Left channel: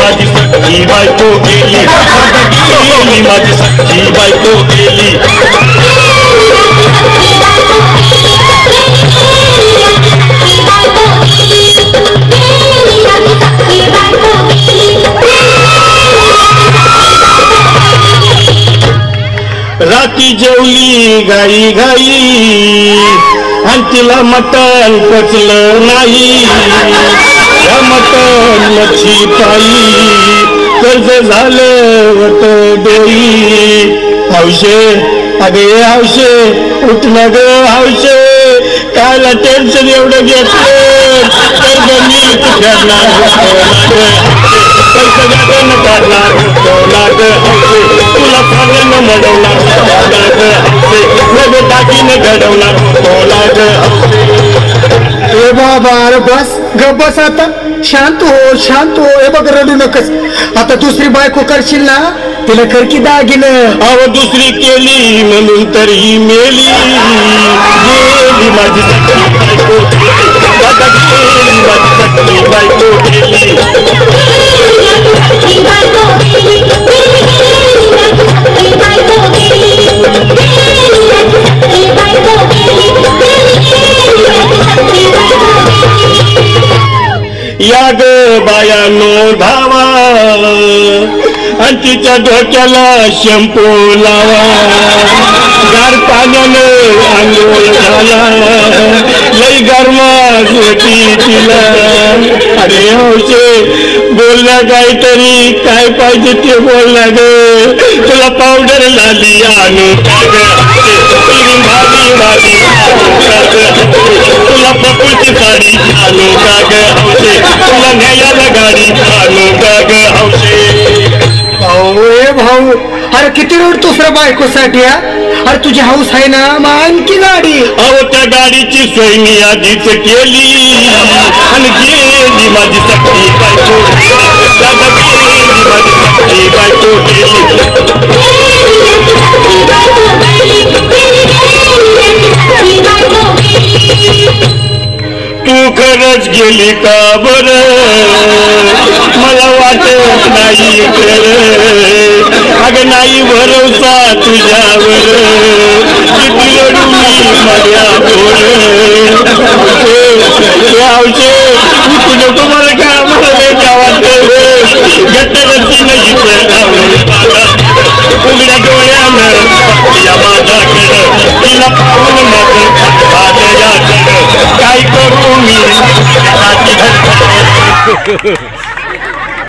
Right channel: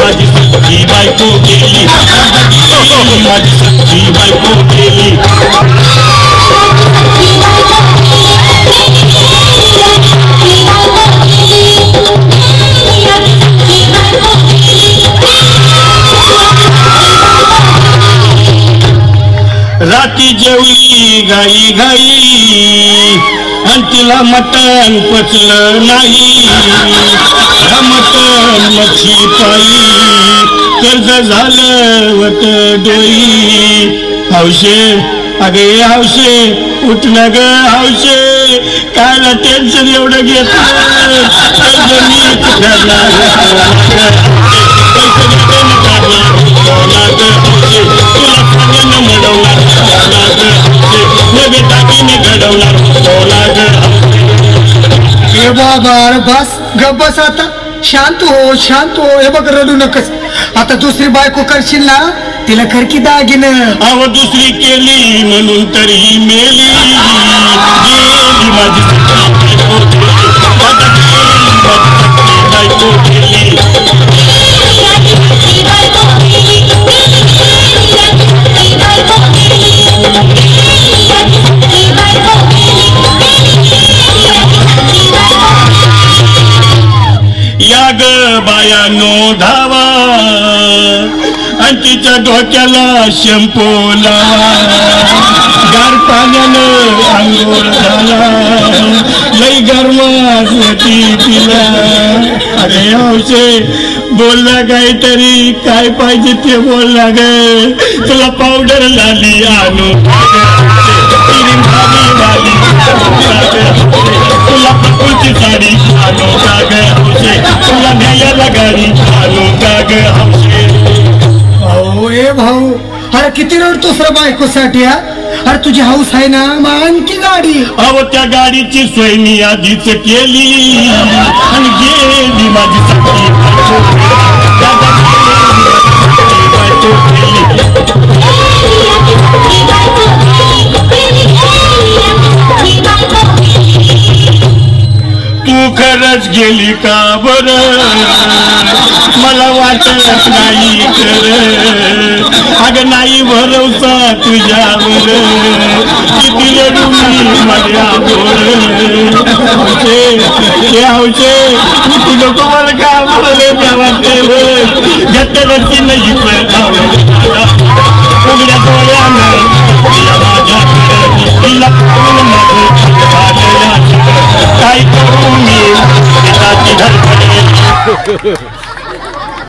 माझी सख्खी बायको गेली, गेली माझी सख्खी बायको गेली. राती जेवली घाई घाई आणि तिला मटण पचलं नाही. मटण मच्छी पायी कर्ज झालं होत डोई. हौशे अगे हौशे उठलं ग हौशे, कायला टेन्शन एवढं घेतलं. कर्ज मी तुला सांगणं मडवला टाकीने घडवला. ए बाबा अरे बस ग बस आता, शांत हो शांत हो. हे बघ रडू नकस. आता दुसरी बायको करशील ना, तिला कर की दागिनं. अव दुसरी केली म्हणून तर ही मेली. गेली माझी सख्खी बायको गेली, माझी सख्खी बायको गेली. या ग बायानो धावा आणि तिच्या डोक्याला शॅम्पू लावा. गार पाण्यानं आंघोळ झाला, लई गरमात होती तिला. अरे हौशे बोलला काहीतरी, काय पाहिजे ते बोलला ग. तुला पावडर झाली आणू भाभी भाभी, तुला पप्पूची साडी आणू का ग हौशे, तुला न्यायला गाडी आणू का ग हौशे. भाऊ ए भाऊ, अरे किती रडतोस रे बायकोसाठी. अरे तुझी हौस आहे ना, आणखी गाडी. अहो त्या गाडीची सोय मी आधीच केली आणि गेली माझी सख्खी बायको. गेली माझी सख्खी बायको गेली. तू खरंच गेली का बरं, मला वाटत नाही खरं. अगं नाही भरवसा तुझ्यावर, किती रडू मी माझ्या बोल. हौशे तू नको मला का मला वाटत. घट्ट घरची नाही उघड्या डोळ्यानं तिला पाहून काय करू मी.